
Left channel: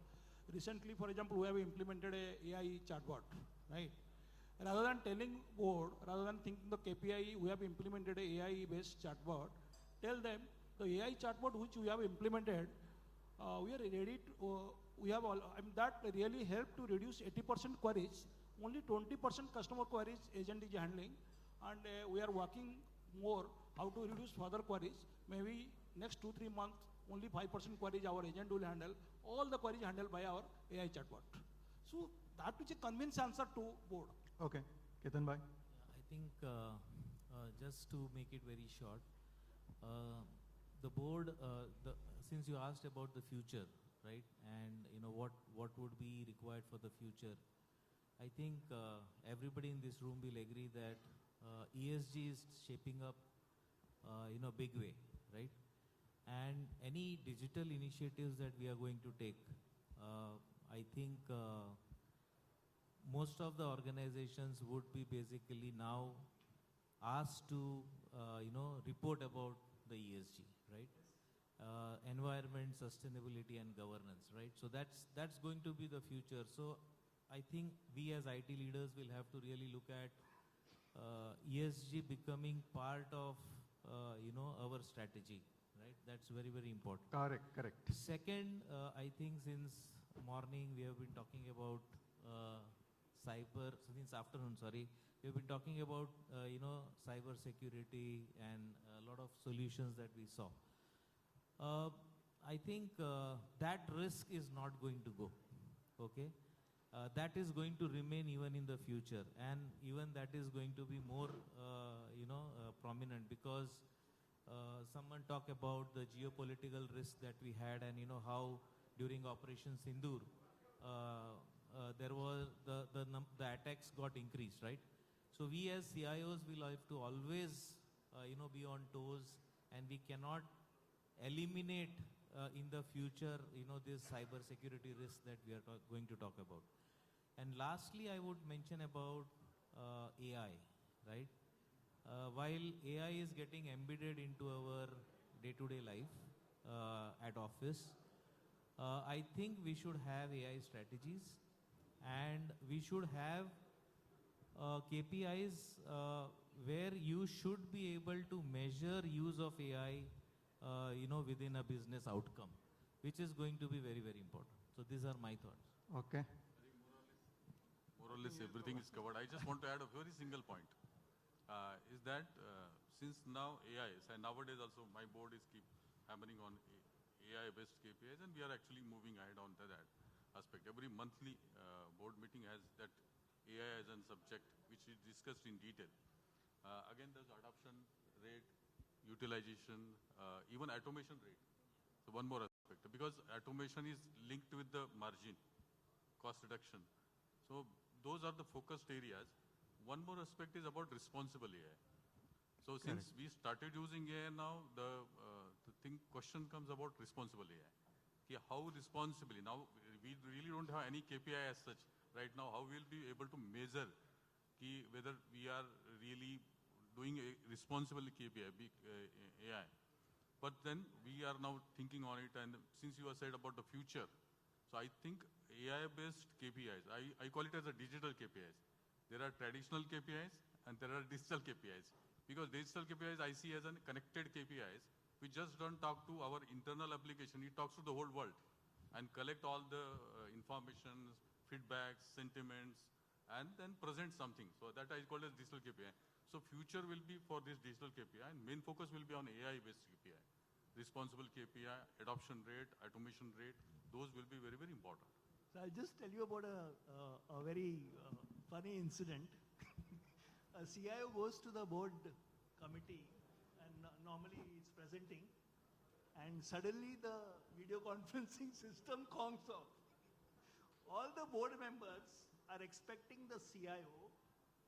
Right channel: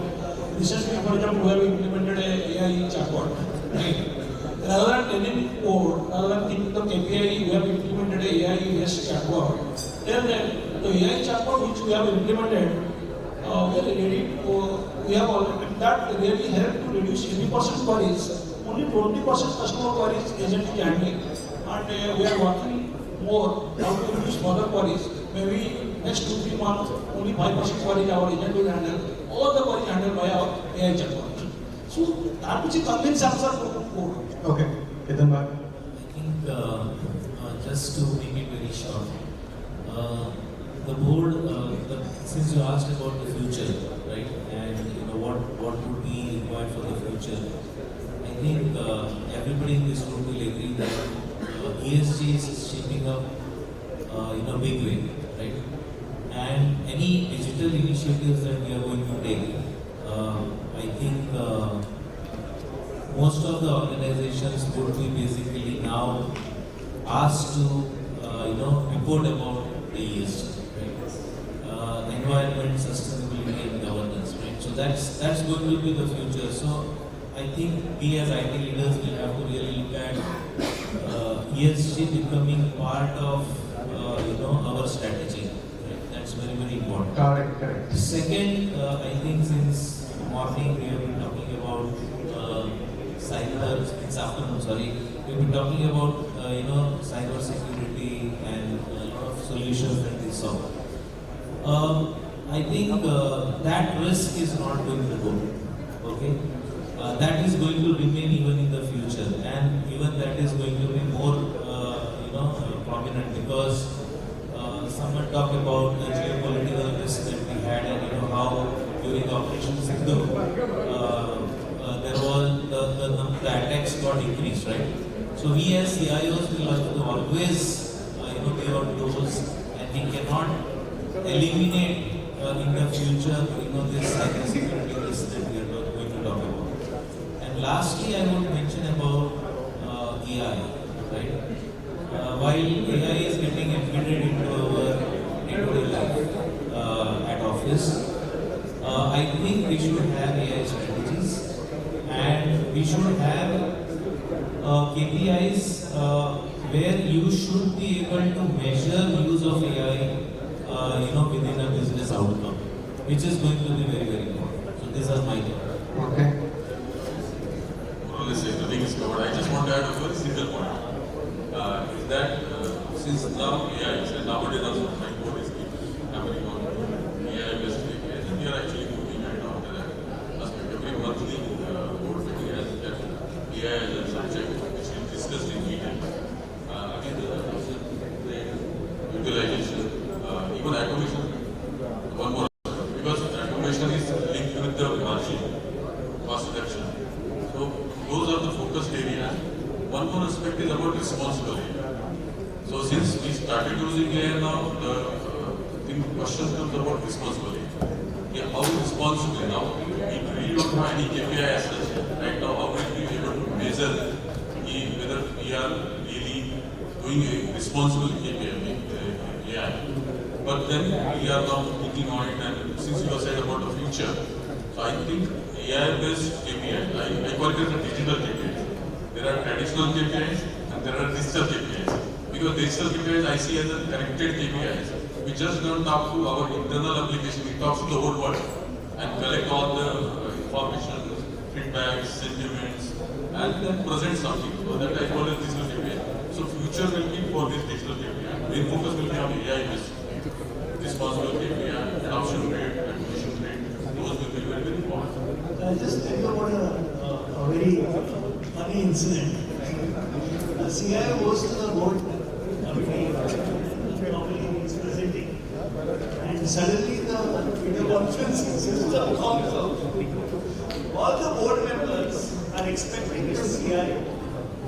Recently, for example, we have implemented a AI chatbot. Right? Rather than telling code, rather than thinking the KPI, we have implemented a AI-based chatbot. Then the AI chatbot which we have implemented, we have already, that really helped to reduce 80% queries. Only 20% customer queries agent is handling. And we are working more how to reduce further queries. Maybe next 2-3 months, only 5% queries our agent will handle. All the queries handled by our AI chatbot. So that which is convince answer to code. Okay. Hetal, I think just to make it very short, the board, since you asked about the future, right, and what would be required for the future, I think everybody in this room will agree that ESG is shaping up in a big way, right? And any digital initiatives that we are going to take, I think most of the organizations would be basically now asked to report about the ESG, right? Environment, sustainability, and governance, right? So that's going to be the future. So I think we as IT leaders will have to really look at ESG becoming part of our strategy. Right? That's very, very important. Correct. Second, I think since morning we have been talking about cyber. It's afternoon, sorry. We've been talking about cyber security and a lot of solutions that we saw. I think that risk is not going to go. Okay. That is going to remain even in the future, and even that is going to be more, prominent because someone talked about the geopolitical risk that we had, and how during Operations Indo, there was the attacks got increased, right? So we as CIOs will have to always, be on toes, and we cannot eliminate in the future, this cyber security risk that we are going to talk about. And lastly, I want to mention about AI, right? While AI is getting embedded into our day-to-day life at office, I think we should have AI strategies, and we should have KPIs where you should be able to measure use of AI, within a business outcome, which is going to be very, very important. So these are my thoughts. Okay. Nothing is covered. I just want to add a very single point. Is that since now AI, nowadays also my board is happening on AI based KPIs, and we are actually moving right now to that aspect. Every monthly board meeting has that AI as a subject which is discussed in detail. Again, the utilization, even automation, one more because automation is linked with the margin, cost reduction. So those are the focused areas. One more aspect is about responsible AI. So since we started using AI now, the question comes about responsible AI. Yeah, how responsibly now? We really don't have any KPI as such. Right now, how will we be able to measure whether we are really doing a responsible KPI? AI. But then we are now thinking on it, and since you have said about the future, so I think AI-based KPI, I call it as a digital KPI. There are traditional KPIs and there are digital KPIs. Because digital KPIs I see as a connected KPIs. We just don't talk to our internal application, we talk to the whole world and collect all the information, feedbacks, sentiments, and then present something. So that I call it digital KPI. So future will be for this digital KPI. Main focus will be on AI-based responsible KPI, adoption rate, acquisition rate. Those will be very, very important. I'll just tell you about a very funny incident. The CIO goes to the board meeting, normally he's presenting, and suddenly the video conferencing system comes out. All the board members are expecting the CIO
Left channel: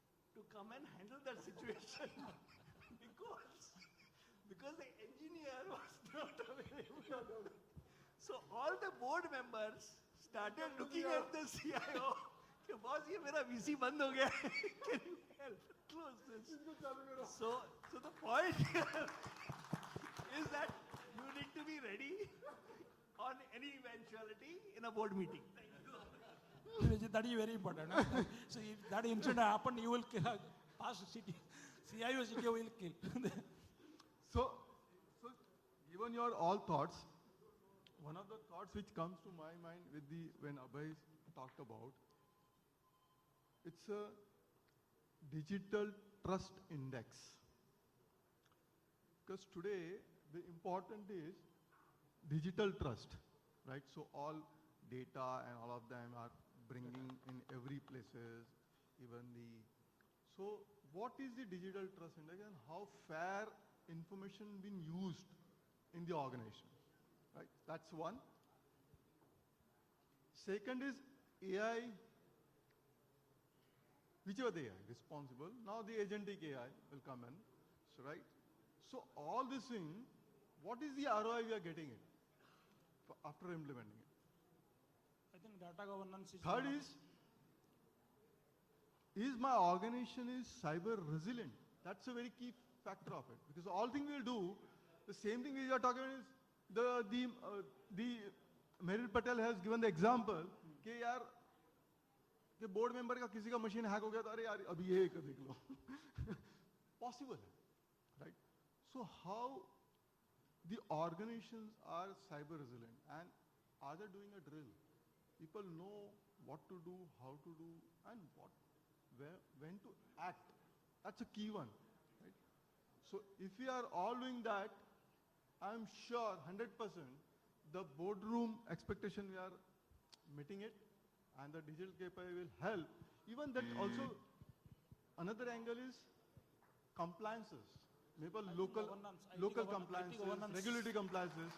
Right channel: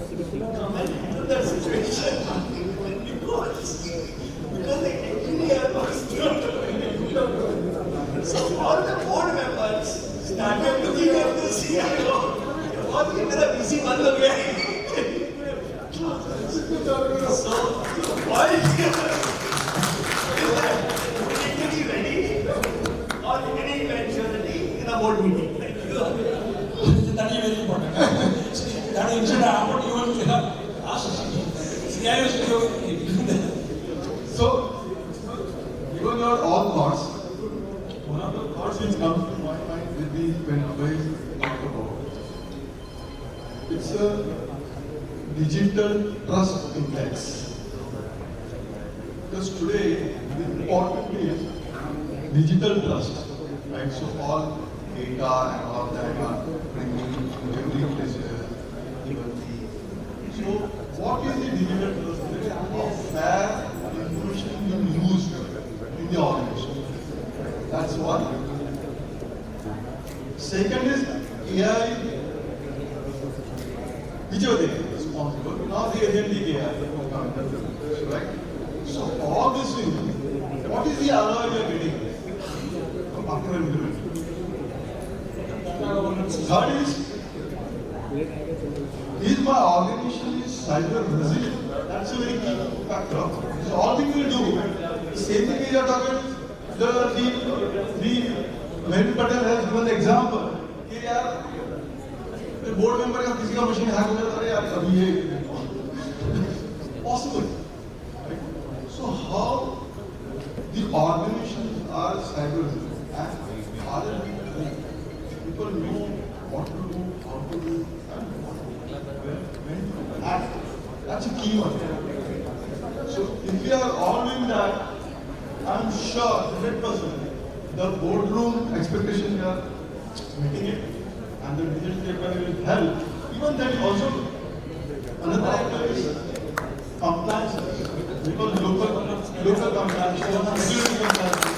to come and handle that situation because the engineer was not doing. So all the board members started looking at the CIO. What is the busy one of So why is that we need to be ready or getting eventually in a board meeting? That is very important. That is what you want to ask CIOs. So, given your all thoughts, one of the thoughts which comes to my mind will be when Abhay talked about it's a digital trust index. Because today, the important is digital trust, right? So all data and all of that are bringing to every place, even the. So what is the digital trust index? How fair information being used in the organization? That's one. Second is AI, which are they responsible? Now the agentic AI, right? So all this thing, what is the ROI you are getting after implementation? Third is Is my organization is cyber resilient? That's a very key factor. So all we will do, the same thing we are talking, the Meheriar Patel has given the example. कि यार board member का किसी का machine hack हो जाता है यार अभी ये possible. Right? So how the organizations are cyber resilient and are people know what to do, how to do, and when to act. That's a key one. So if we are all doing that, I'm sure 100% the boardroom expectation we are meeting it, and the digital KPI will help. Even then also another item is compliance, because local compliance, security compliance.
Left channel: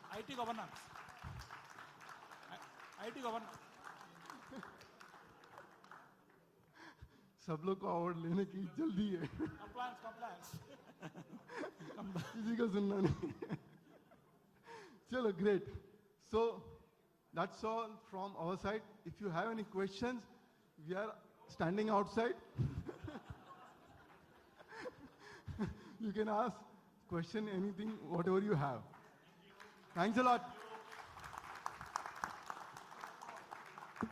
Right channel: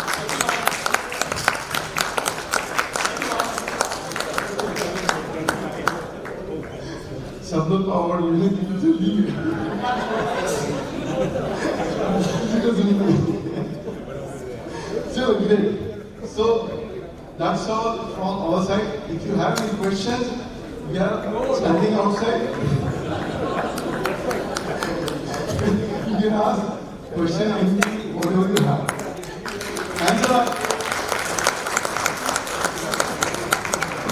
सब लोग को award मिलने की जल्दी So great. So that's all from our side. If you have any questions, we are standing outside.